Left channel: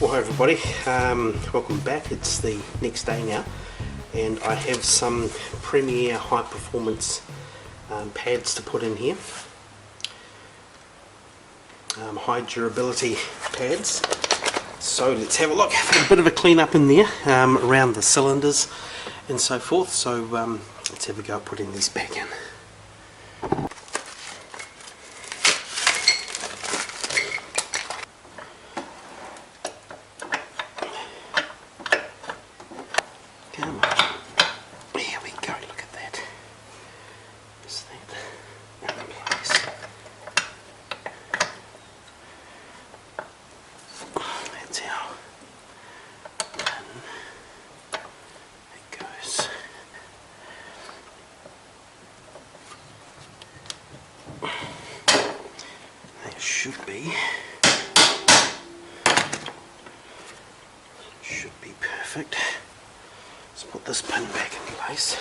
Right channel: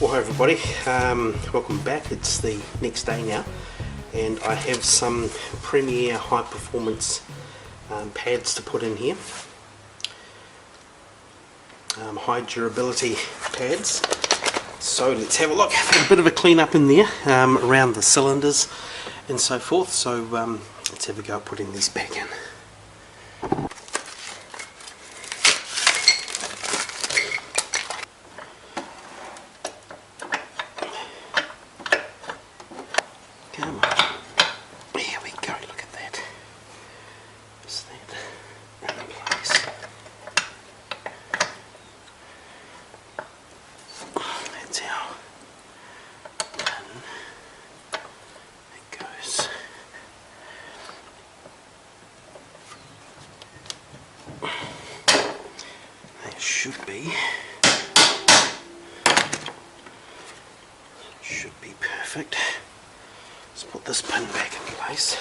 Well, hi everybody, welcome back. It's the next day now and I have some Premier high performance pads to put in here. High durability pads. So let's have a look. A bit of a clean up in there around the cylinders and so forth. So let's have a go at putting these back in. Come on. Here we go, look at that. Is that in place? That's how in it goes. That should be perfect. Let's put this pin back in place.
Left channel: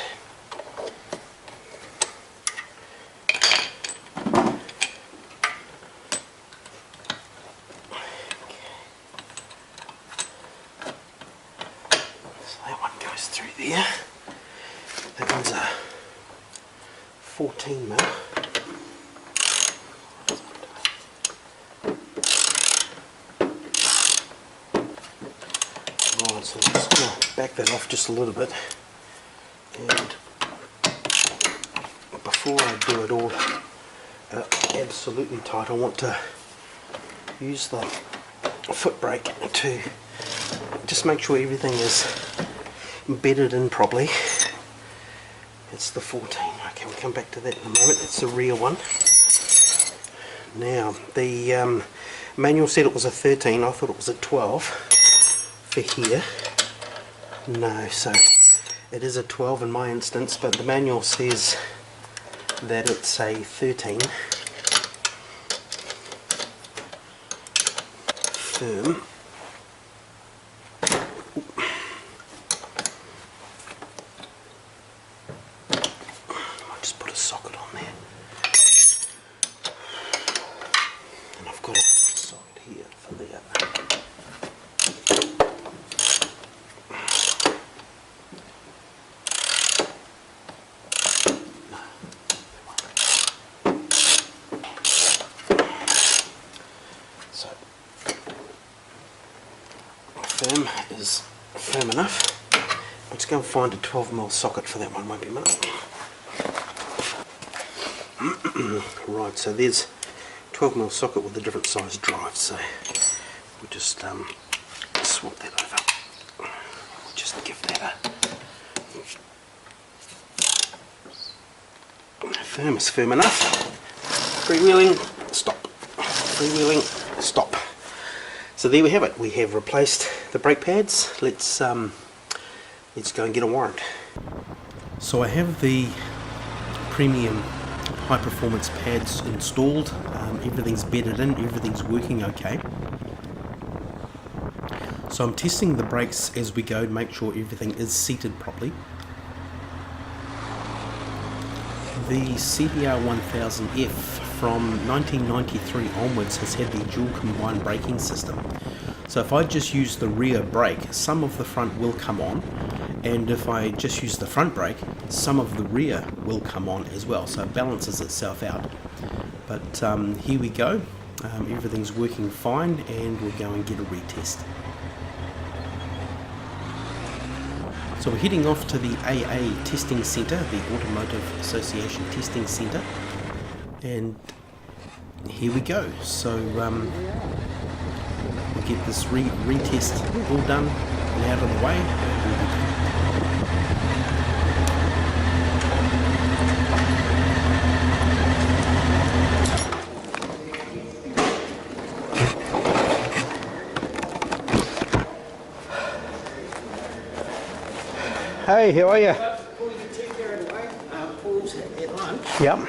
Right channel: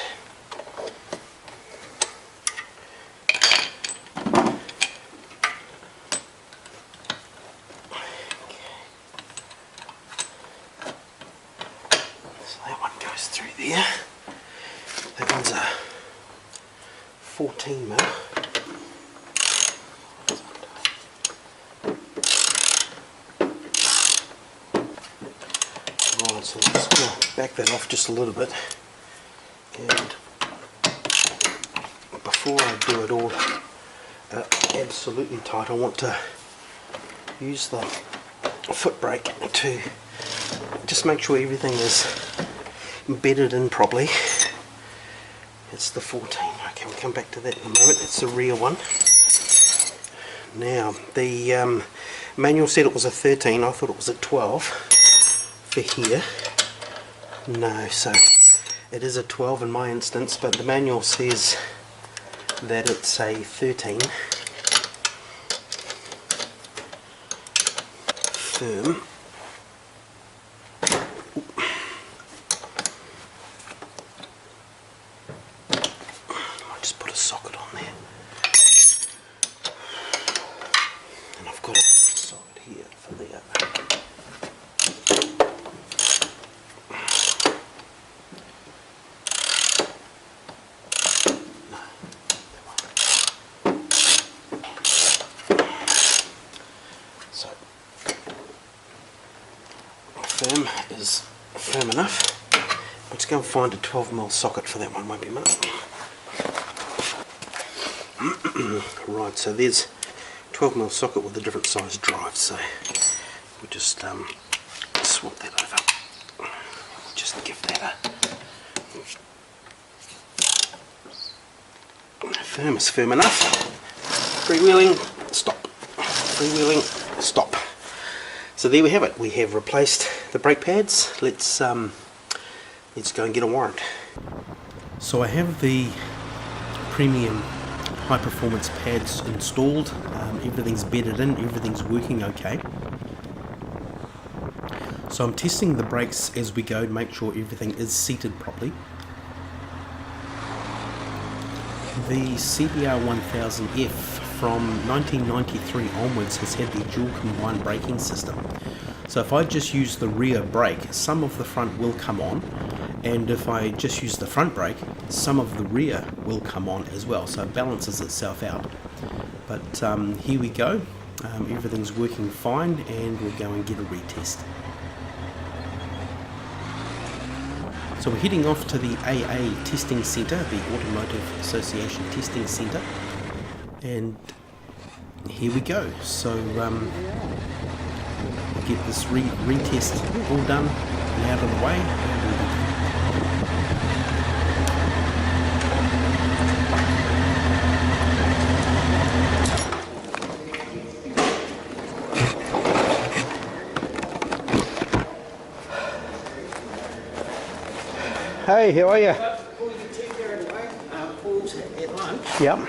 So that one goes through there. That one's a 14 mil. Right, so I'm just going to back that off just a little bit, and before I do it all absolutely tight, I want to use the foot brake to just make sure everything is embedded in properly. It's the 14. Okay, we'll come back to that in a moment. It's the rear one. Now, the manual said it was a 13. I thought it was a 12 for here. No, so it is a 12 in my instance, but the manual says that it's a 13. Firm. I'll just put a socket on there. And I've got a socket here for the so firm is firm enough. Let's go and find a 12mm socket for that one, won't be much. Right, so there's 12mm socket with a different size drive, so we'll just swap that over. We'll just give that a firm is firm enough. Freewheeling, stop. Freewheeling, stop. So there we have it. We have replaced the brake pads. Let's go and get a warrant. So I have the premium high performance pads installed. Everything's bedded in, everything's working okay. So I'm testing the brakes as we go to make sure everything is seated properly. The CBR1000F from 1993 onwards has had the dual combined braking system. So if I just use the rear brake, some of the front will come on, and if I just use the front brake, some of the rear will come on as well, so it balances itself out. But here we go, everything's working fine, and we'll go and get a retest. So we're heading off to the AA testing centre, the Automotive Association Testing Centre, and here we go. So we'll get this retest all done and out of the way, and we'll be done. Hey, how are you? Before we get too carried away, Paul's at lunch. Yep.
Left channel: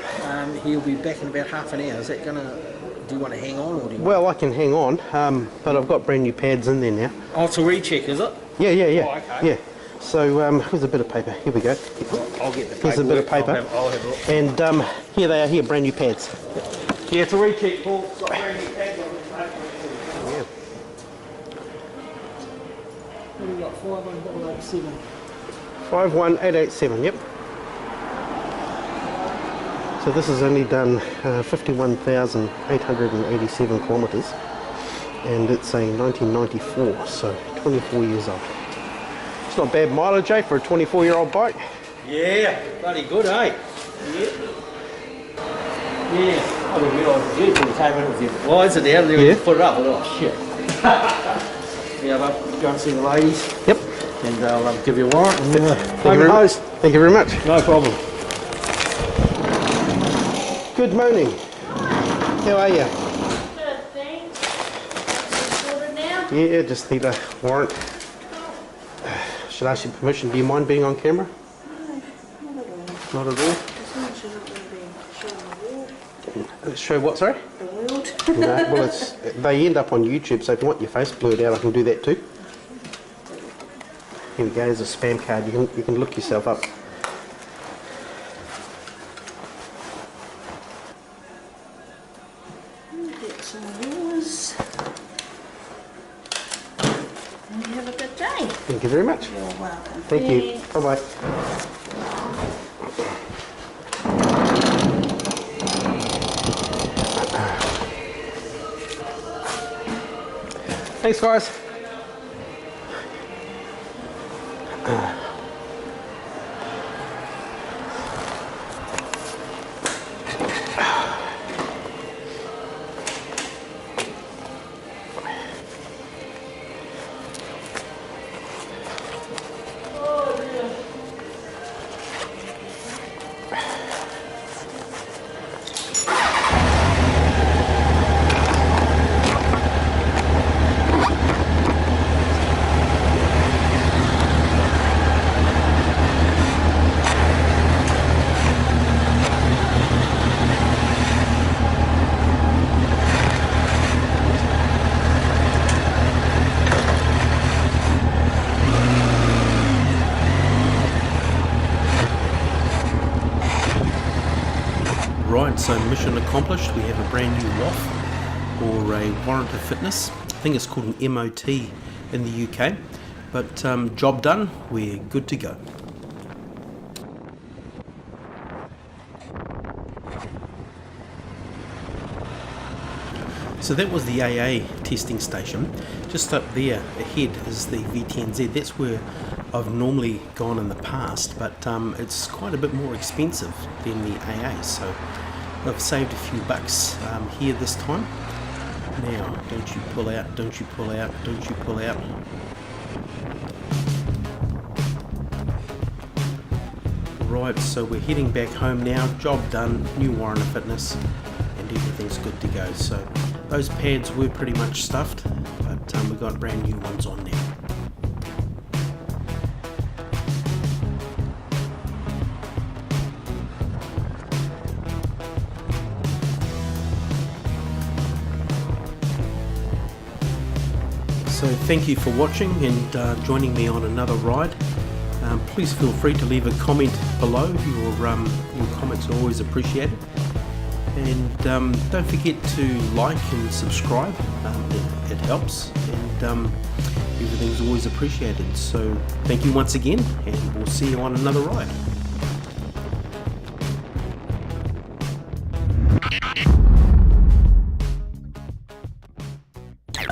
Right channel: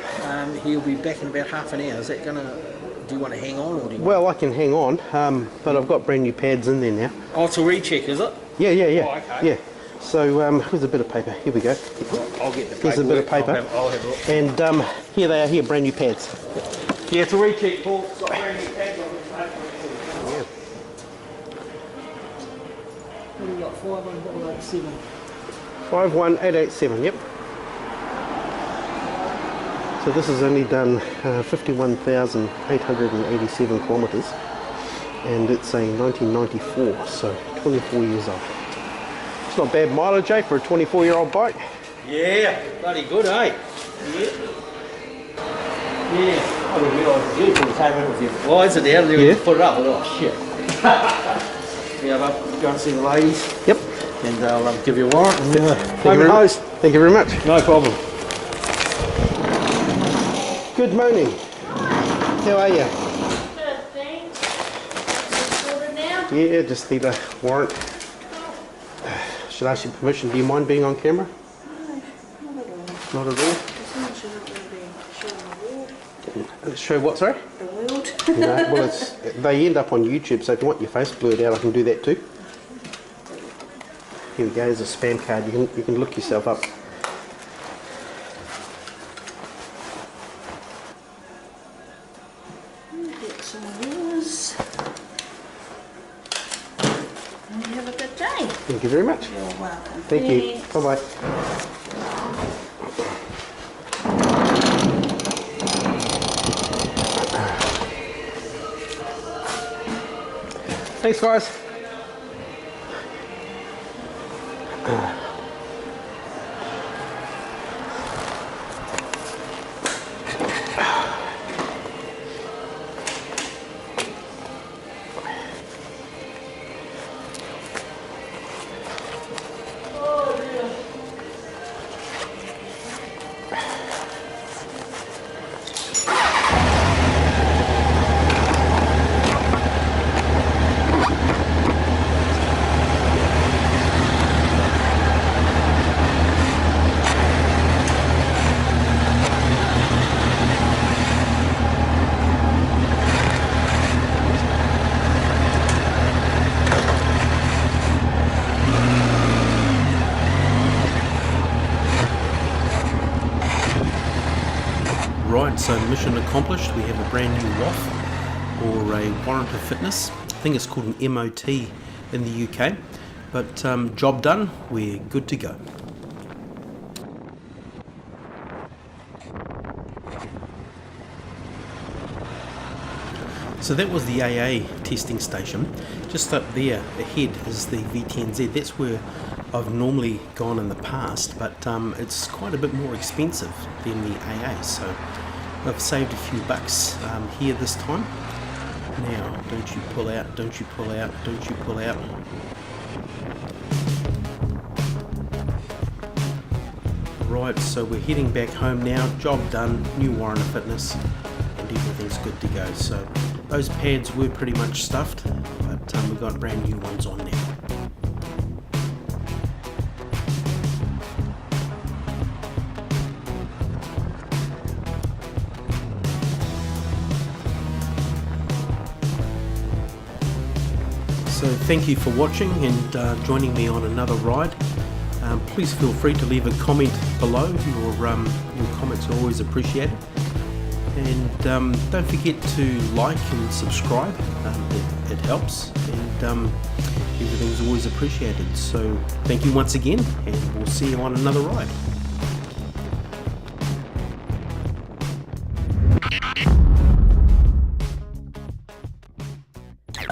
He'll be back in about half an hour. Is that gonna? Do you want to hang on, or do you? Well, I can hang on, but I've got brand new pads in there now. Oh, it's a recheck, is it? Yeah. Oh, okay. Yeah. So here's a bit of paper. Here we go. I'll get the paper. Here's a bit of paper. I'll have a look. And here they are. Here, brand new pads. Yeah, it's a recheck, Paul. It's got brand new pads on the paper. Yeah. you got 51887. 51887, yep. So this has only done 51,887 kilometres, and it's a 1994, so 24 years old. It's not bad mileage, eh, for a 24-year-old bike? Yeah, bloody good, eh? Yeah. Yeah, I didn't realise it was you when you came in with your visor down there. Yeah. You put it up, oh shit. Yeah, but go and see the ladies. Yep. And I'll give you a warrant. And, Thank you very much. No problem. Good morning. How are you? Good, thanks. Sorted now? Yeah, just need a warrant. Should I ask your permission? Do you mind being on camera? No, not at all. Not at all. As long as you're not going to be showing the world. Show what, sorry? The world. No, well, they end up on YouTube, so if you want your face blurred out, I can do that too. Here we go, there's a spam card. You can look yourself up. Get some of yours. And you have a good day. Thank you very much. You're welcome. Thank you. Thanks. Bye-bye. Thanks, guys. Right, so mission accomplished. We have a brand new WOF, or a Warrant of Fitness. I think it's called an MOT in the UK, but job done, we're good to go. So that was the AA testing station. Just up there ahead is the V10Z. That's where I've normally gone in the past, but it's quite a bit more expensive than the AA, so I've saved a few bucks here this time. Now, don't you pull out, don't you pull out, don't you pull out. Right, so we're heading back home now. Job done, new Warrant of Fitness, and everything's good to go. So those pads were pretty much stuffed, but we've got brand new ones on now. So thank you for watching and joining me on another ride. Please feel free to leave a comment below. Your comments are always appreciated. And don't forget to like and subscribe. It helps, and everything's always appreciated. So thank you once again, and we'll see you on another ride. You